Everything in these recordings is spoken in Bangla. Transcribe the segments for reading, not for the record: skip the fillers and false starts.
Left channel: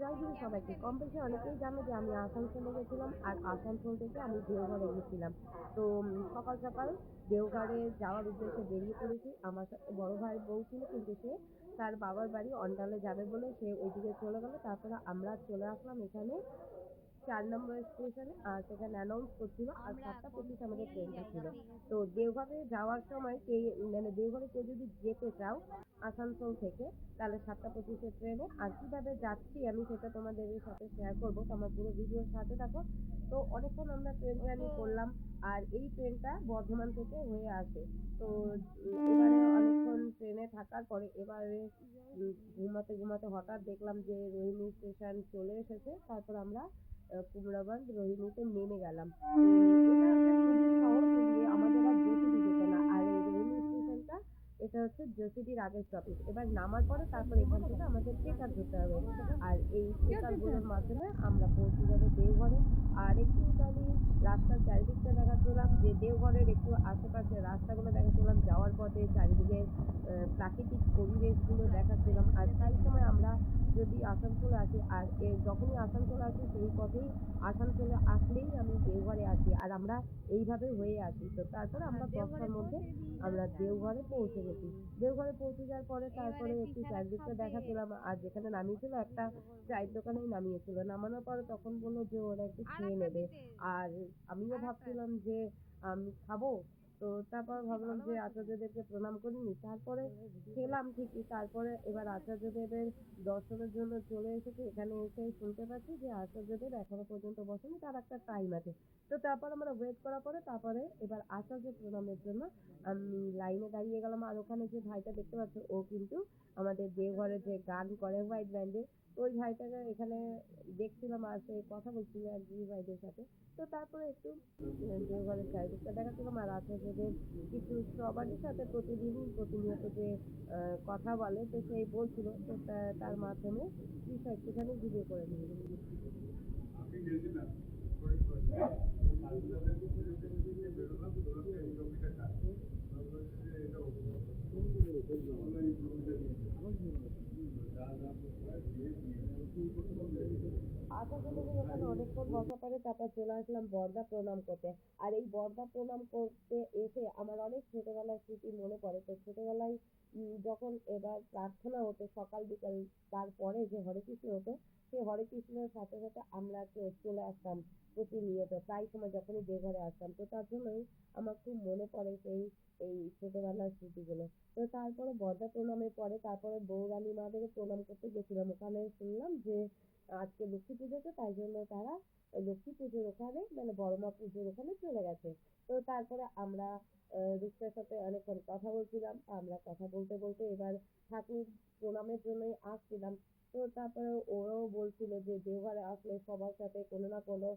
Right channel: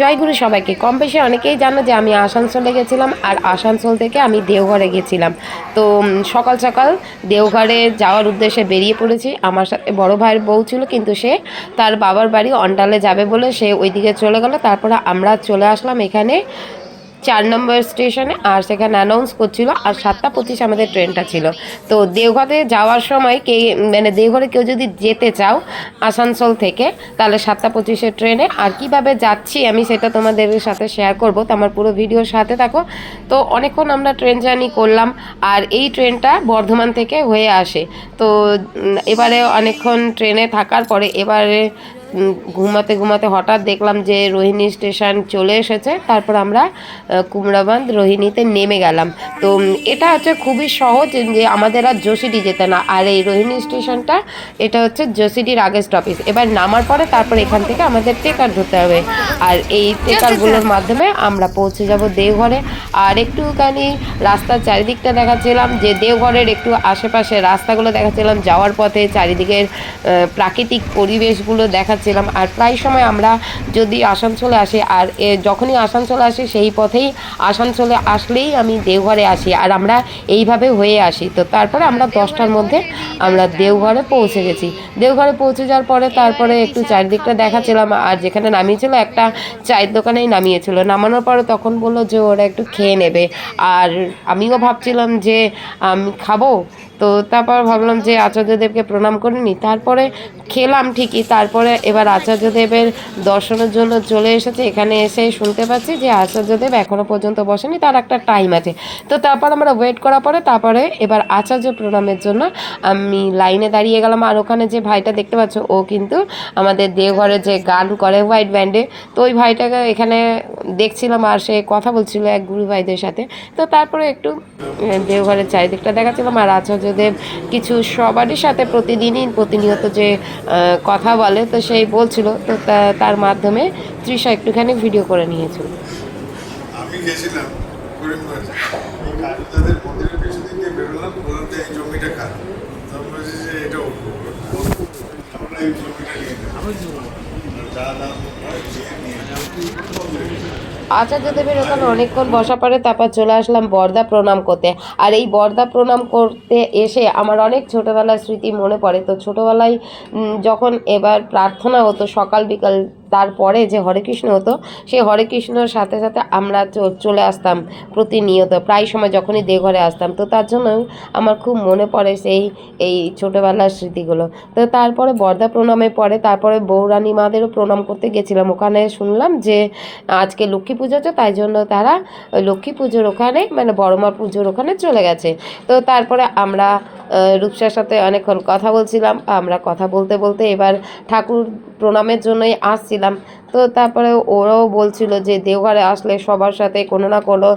জয়গুরু সবাইকে। কম বেশি অনেকেই জানো যে আমি আসানসোলে গেছিলাম, আর আসানসোল থেকে আমি দেওঘরে গেছিলাম। তো সকাল সকাল দেওঘরে যাওয়ার উদ্দেশ্যে বেরিয়ে পড়েছি। আমার সাথে বড় ভাইয়ের বউ ছিল, কিন্তু সে তার বাবার বাড়ি অন্ডালে যাবে বলে সে ওইদিকে চলে গেল। তারপরে আমরা চলে আসলাম এখানে 4 নম্বর স্টেশনে, আর সেখানে অ্যানাউন্স করছিল আর 7টা 25 আমাদের ট্রেনটা ছিল। তো দেওঘরে যাওয়ার সময় মানে দেওঘরে কেউ যদি যেতে চাও আসানসোল থেকে, তাহলে 7টা 25-এর ট্রেনে। আর কিভাবে যাচ্ছি আমি সেটা তোমাদের সাথে শেয়ার করব, তো আমার পুরো ভিডিওর সাথে থাকো। তো অনেকক্ষণ আমরা ট্রেন জার্নি করলাম, আর এই ট্রেনটা বর্ধমান থেকে হয়ে আসে। তো এবারে অনেকক্ষণ ট্রেনে থাকার পরে এবারে ঘুমাতে ঘুমাতে হঠাৎ দেখলাম যে রোহিণী স্টেশন চলে এসেছে। তারপর আমরা কুমড়াবাঁধ রোহিণীতে নেমে গেলাম। তো এটা হচ্ছে খুবই সহজ, যে আমাদের আর যশিডি যেতে না। আর এই রোহিণী স্টেশনটা এটা হচ্ছে যশিডির আগের স্টপেজ। এবার নামার পরে তারপর এখান থেকে আমাদের ট্রেকার ধরতে হবে, আর এই ট্রেকারগুলোর মাধ্যমে আমরা পৌঁছে যাব দেওঘরে। আর একটুখানি রাস্তার চারিদিকটা দেখাচ্ছিলাম, যে দেওঘরের একটু আশেপাশে রাস্তাগুলো দেখাচ্ছিলাম, যাওয়ার পথে চারিদিকের প্রাকৃতিক পরিবেশগুলো দেখাচ্ছিলাম। আর প্রায় সময় আমরা যদি আসানসোলে আসি, আর যখনই আসানসোলে আসি সেই পথেই আসানসোলে আসলেই আমি দেওঘরে আসি, আর আমরা এইভাবে হয়ে আসি। তো তারপরে আমরা 10টার মধ্যে আমরা দেওঘরে পৌঁছে গেছি। দেওঘরে পৌঁছে যাওয়ার পরে তারপরে একটু চারিদিকটা দেখাচ্ছিলাম, আর যেখানে নামিয়েছিল একটা চায়ের দোকানেই নামিয়েছিল। নামানোর পরে তখন বললো যে ওরা একটু খেয়ে নেবে, আর আমিও ভাবছিলাম যে আমি খাবো। তো তারপর ভাবলাম যে আচার্যদেবকে প্রণাম করে নিই, তারপরে খেলাম ঠিকই। তারপরে এবার আচার্যদেবের দর্শনের জন্য চলে এসেছে। এখানে এসে শুনতে পাচ্ছি যে আচার্যদেব এখনও পর্যন্ত বসেনি, তার একটা টাইম আছে। তো তারপর আমরা ওয়েট করার পরে তারপরে এবার আচার্য প্রণামের জন্য আমি লাইনে দাঁড়িয়ে গেলাম। আর ওখানে যে ভাইটা দেখতে পাচ্ছ, ও কিন্তু আমাদের দেওঘরে যে গান করে হোয়াইট ব্যান্ডে, তো ওই ভাইটাকে এখানে দেখছিলাম, আর সে কথা বলছিল এক গুরু ভাইদের সাথে। তো তারপরে একটু দেওঘরের চারিদিকটা দেখাচ্ছিলাম। আর আচার্যদেব কিছু সবারই সাথে প্রতিদিনই প্রতিনিয়ত যে কথা বলে, তো সেই বলছিল। তো তার মাধ্যমে তৃষা একটুখানি ভিডিও করে নিয়েছিল। আমি গেছিলাম করিমগঞ্জে, এই কালীদাদের মন্দিরের পিছন দিক দিয়ে বেরোলাম, বললাম যে এই জমিটা কার। তখন বলছি যে এটা আমরা এই জমিটা নিয়ে নেবো, যা দাম আচার্যদেবের ওখানে অনেকক্ষণ বসা পড়ে, তারপর চলে আসলাম বর্দা প্রণাম করতে। আর এই বর্দা প্রণাম করতে এসে আমার অনেক ছোটোবেলার স্মৃতি মনে পড়ে। তো ছোটোবেলায় যখন এবার প্রার্থনা হতো সকাল বিকাল, তারপরে যে হরে কৃষ্ণ হতো, সেই হরে কৃষ্ণর সাথে সাথে আমরা চলে আসতাম প্রতিনিয়ত, প্রায় সময় যখনই দেওঘরে আসতাম। তো তার জন্য আমার খুব মনে পড়ে এই ছোটোবেলার স্মৃতিগুলো। তো তারপরে বর্দা প্রণামের পরে তারপরে বৌরানী মাদেরও প্রণাম করতে গেছিলাম। ওখানে শুনলাম যে আজকে লক্ষ্মী পুজো আছে, তাই জন্য তারা ওই লক্ষ্মী পুজোর ওখানে মানে বড়মা পুজোর ওখানে চলে গেছে। তো তারপরে আমরা রূপসার সাথে অনেকক্ষণ কথা বলছিলাম। আমরা কথা বলতে বলতে এবার ঠাকুর প্রণামের জন্যই আসছিলাম। তো তারপরে ওরাও বলছিল যে দেওঘরে আসলে সবার সাথে কোনো না কোনো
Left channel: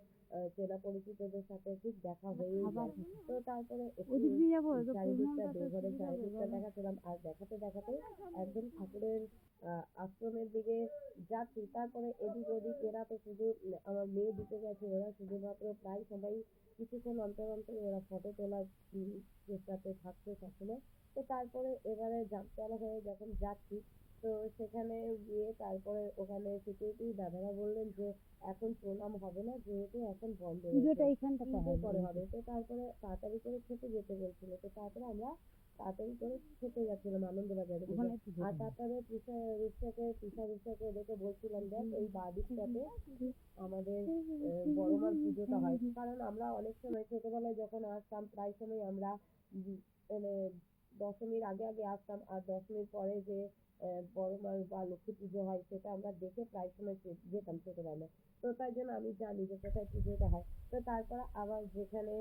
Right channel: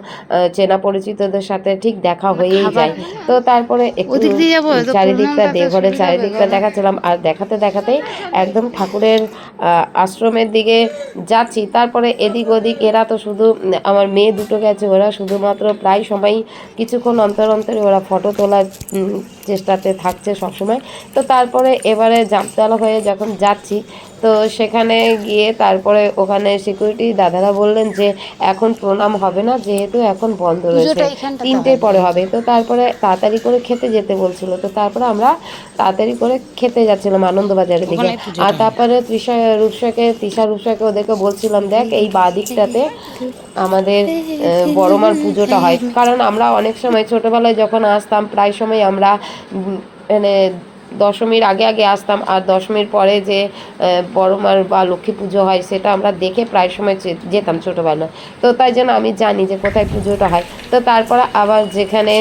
চেনা পরিচিতদের সাথে ঠিক দেখা হয়েই যায়। তো তারপরে একটু চারিদিকটা দেওঘরের চারিদিকটা দেখাচ্ছিলাম, আর দেখাতে দেখাতেই একদম ঠাকুরের আশ্রমের দিকে যাচ্ছি। তারপরে এদিক ওদিক এরা তো শুধু আমার মেয়ে দুটো গেছে, ওরা শুধুমাত্র প্রায় সময় কিছুক্ষণ অন্তর অন্তরে ওরা ফটো তোলার চেষ্টাতে থাকছে সবসময়। তো তারপরে এবারে জামতলা হয়ে যখন যাচ্ছি, তো সেখানে গিয়ে তারপরে ওখানে সিকিউরিটি দাদারা বললেন যে এখন প্রণাম হবে না, যেহেতু এখন বন্ধ রয়েছে, 3টের পরে হবে। তো তারপরে তাড়াতাড়ি করে খেতে যেতে বলছিল। তো তারপরে আমরা তাড়াতাড়ি করে খেতে যাচ্ছিলাম আনন্দবাজারের দিকে। আর তারপরে তৃষা রূপসাকে ওদেরকে বলছিলাম, দেখ এই বাঁ দিকটাতে আমাদের বড়মার পুজোটা হয়। কারণ আমরা অনেক সময় ছোটোবেলায় যখন আসতাম, প্রায় সময় আমরা মানে দশমীর আগে আগে আসতাম, আর দশমীর পরে যে বড়মার বা লক্ষ্মী পুজো হয় সেটা আমরা দেখে প্রায় সময় যেতাম ছোটোবেলায়। তো তাই জন্য আমি জানি যে কোথায় পুজোটা হয়। তো তারপরে আবার যেখানে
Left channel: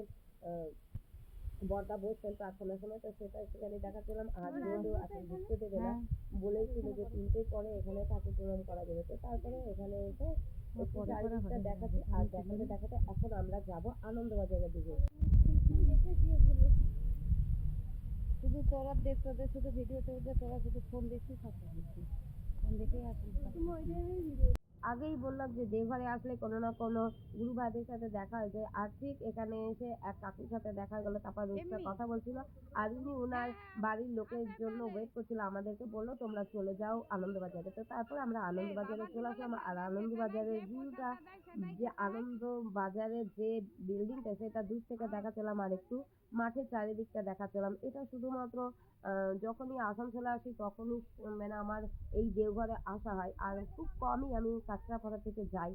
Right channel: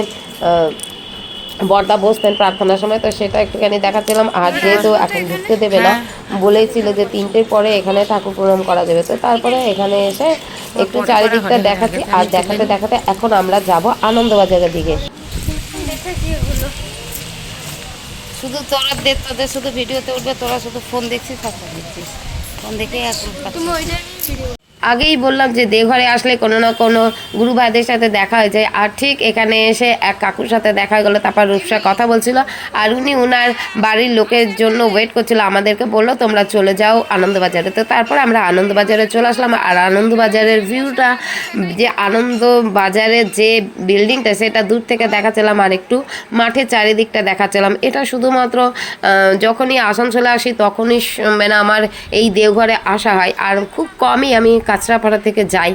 বর্দা বসতেন প্রার্থনার সময়, তো সেটা একটুখানি দেখাচ্ছিলাম। আর যেহেতু এখন ঢুকতে দেবে না, বলেছিল যে 3টের পরে এখানে ঠাকুর প্রণাম করা যাবে। তো তারপরে এখানে এসে একটু চারিদিকটা দেখাচ্ছি, আর দেখাতে দেখাতে এখন আমরা যাব আনন্দবাজারের দিকে। শুধু তোদের শুধু ভিডিওতে উঠবে, তোরা শুধু ফোন দেখছিস আর ফোন দেখছিস, ফোন দেখে এখন আগেই বললাম যে দেওঘরে আসলে কোনো না কোনো গুরু ভাইদের সাথে দেখা হয়ে যায়, আর ঠিক এখানে এসে এক কাকুর সাথে দেখা হয়ে গেলো। তারপর রূপসা কথা বলছিল আর উনি উনার বাড়ির লোকের জন্য ওয়েট করছিল, আমাদেরকে বললো তোমরা চলে যাও আনন্দবাজারে। তো তারপরে আমরা আনন্দবাজারে চলে আসলাম। আর আনন্দবাজারের ভিউটা, যে আনন্দবাজারের যে বিল্ডিংটা সেটা দূর থেকে দেখাচ্ছিলাম, আর একটু মাঠের চারিদিকটা দেখাচ্ছিলাম। এটা শুধুমাত্র যখনই আসানসোলে আসি তখনই মানে আমার এই দেওঘরে আসা হয়, আর খুব কমই আমি কাঁচরাপাড়া থেকে যাই,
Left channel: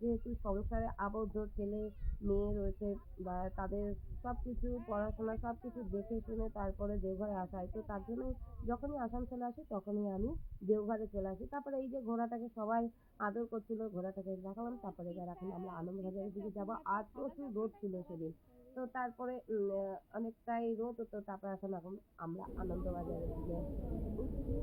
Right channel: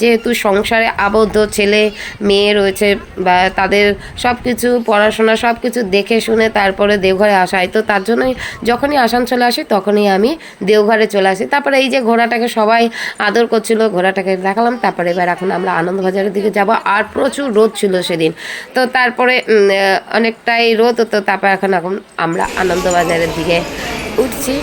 যেহেতু সংসারে আবদ্ধ ছেলে মেয়ে রয়েছে বা তাদের সব কিছু পড়াশোনা সব কিছু দেখে শুনে তারপরে দেওঘরে আসা হয়। তো তার জন্যই যখনই আসানসোলে আসি তখনই আমি দেওঘরে চলে আসি। তারপরে এই যে ঘোড়াটাকে সবাই আদর করছিল, ঘোড়াটাকে দেখালাম। তারপরে এবার এখন আমরা আনন্দবাজারের দিকে যাব, আর প্রচুর রোদ ছিল সেদিন। তো তারপরে অনেকটাই রোদ হতো। তারপর এখন আমরা আনন্দবাজারের দিকে উঠছি।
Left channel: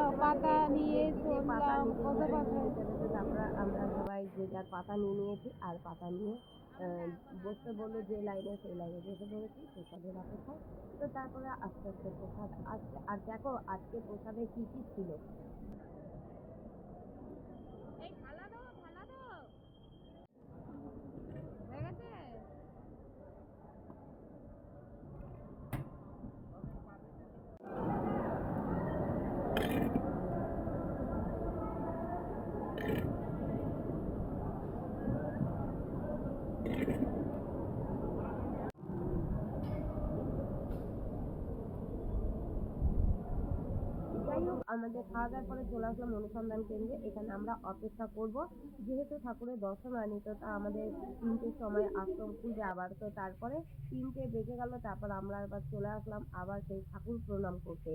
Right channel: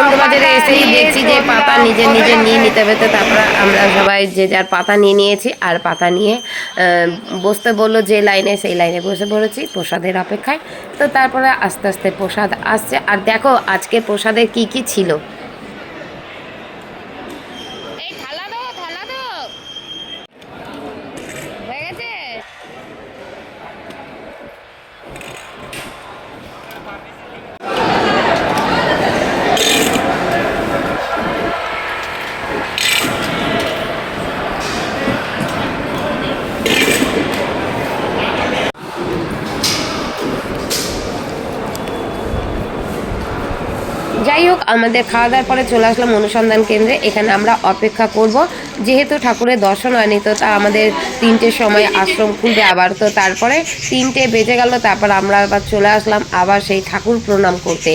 আনন্দবাজারে এসেই দেখছি যে পাতা নিজে নিজে নিয়ে নিতে হবে। তো তারপরে আমরা সবাই যে যার পাতা নিয়ে নিয়েছি, আর পাতা নিয়ে বসতে বললো যে লাইনে, সেই লাইনে বসে পড়েছি প্রসাদের অপেক্ষায়। তো তারপরে আস্তে আস্তে প্রসাদ আসছে। আর দেখো আজকে প্রসাদে কি কি ছিল। এই থালা দাও, থালা দাও, হয়ে গেছে। যাই হোক, আমাদের খাওয়া দাওয়ার পরে চলে আসলাম অনুসন্ধান কেন্দ্রে। এখানে আমরা অপেক্ষা করব, যেহেতু ঠাকুরের দর্শন হয়নি। তো তা আমাদের 3টের সময় আশ্রম খুলবে আবার। তো তারপরে 3টে বেজে গেল। তারপর আমরা আবার চলে আসলাম আবার সেই ঠাকুর প্রণাম করতে।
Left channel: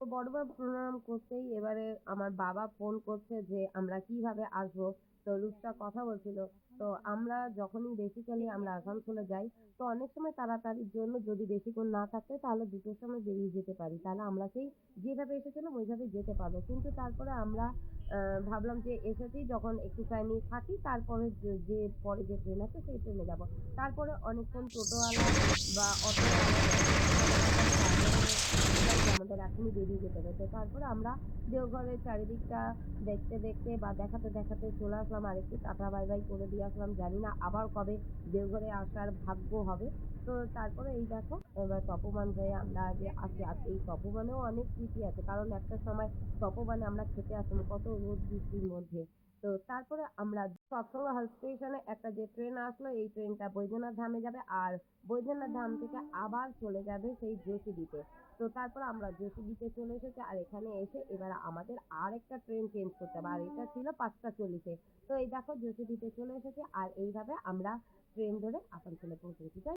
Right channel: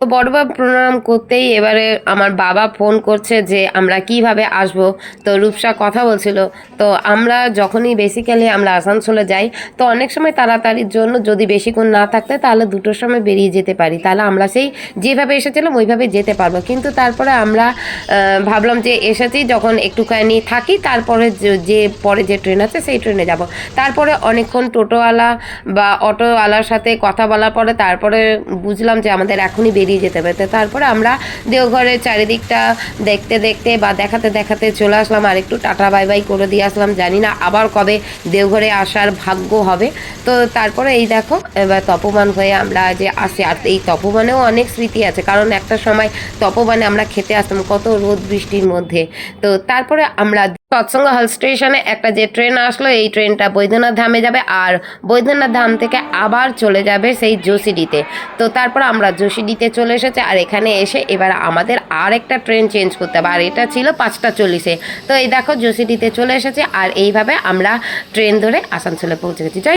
তো বড়বা প্রণাম করতেই এবারে আমার বাবা ফোন করছে যে আমরা কিভাবে আসব। তো রূপসা কথা বলছিল। তো আমরা যখনই বেসিক্যালি আমরা আসানসোলে যাই, তো অনেক সময় তাড়াতাড়ির জন্য যদি বেশিক্ষণ না থাকতে তাহলে 2টোর সময় বেরিয়ে যেতে পারি, তাহলে আমরা সেই যেভাবে এসেছিলাম ওইভাবে যেতে পারবো। কিন্তু তারপরে আমরা ভাবলাম যে এসেছি যখন একটুখানি থাকি, তারপরে যে পরে যে ট্রেন আছে সেই ট্রেনে যাব। তারপরে অনেকক্ষণ টোটোওয়ালা বা অটোওয়ালার সাথে কথা বলার পরে তারপরে বুঝলাম যে আমাদের এখনই বেরিয়ে যেতে হবে। তারপরে আমরা দেওঘরের চারিদিকটা দেখতে দেখতে বা দেখাতে দেখাতে চলে আসলাম, আর একটু টাটা বাই বাই করে দিয়ে আসলাম। জানি না আবার কবে দেওঘরে আসার ভাগ্য হবে। তো তারপরে এই দেখো এবার তপোবন হয়ে আমরা যে আসি, আর এই তপোবনেও অনেক স্মৃতি আছে, কারণ একটা সময় তপোবনে আমরা খেতে আসতাম কত রোদ বৃষ্টির মধ্যে। তো তারপরে আমরা সৎসঙ্গ হল স্টেশনে একটা যে ট্রেন আসলো, এই ট্রেনটা বৈদ্যনাথ ধামে যাবে, আর বৈদ্যনাথ ধাম থেকে আবার চলে যাবে সেই যোশীডিতে। তো তারপর আমরা যোশীডিতে চলে এসেছে, আর এখানে এসে এবার আমাদের আর একটা ট্রেন চেঞ্জ করতে হবে, আর এটা ছিল 5টা 40-এ। তো এই দেখো যোশীডিতে চলে এসেছে, আর এইভাবে আমরা ট্রেন ধরে আসানসোলে পৌঁছে গেছি।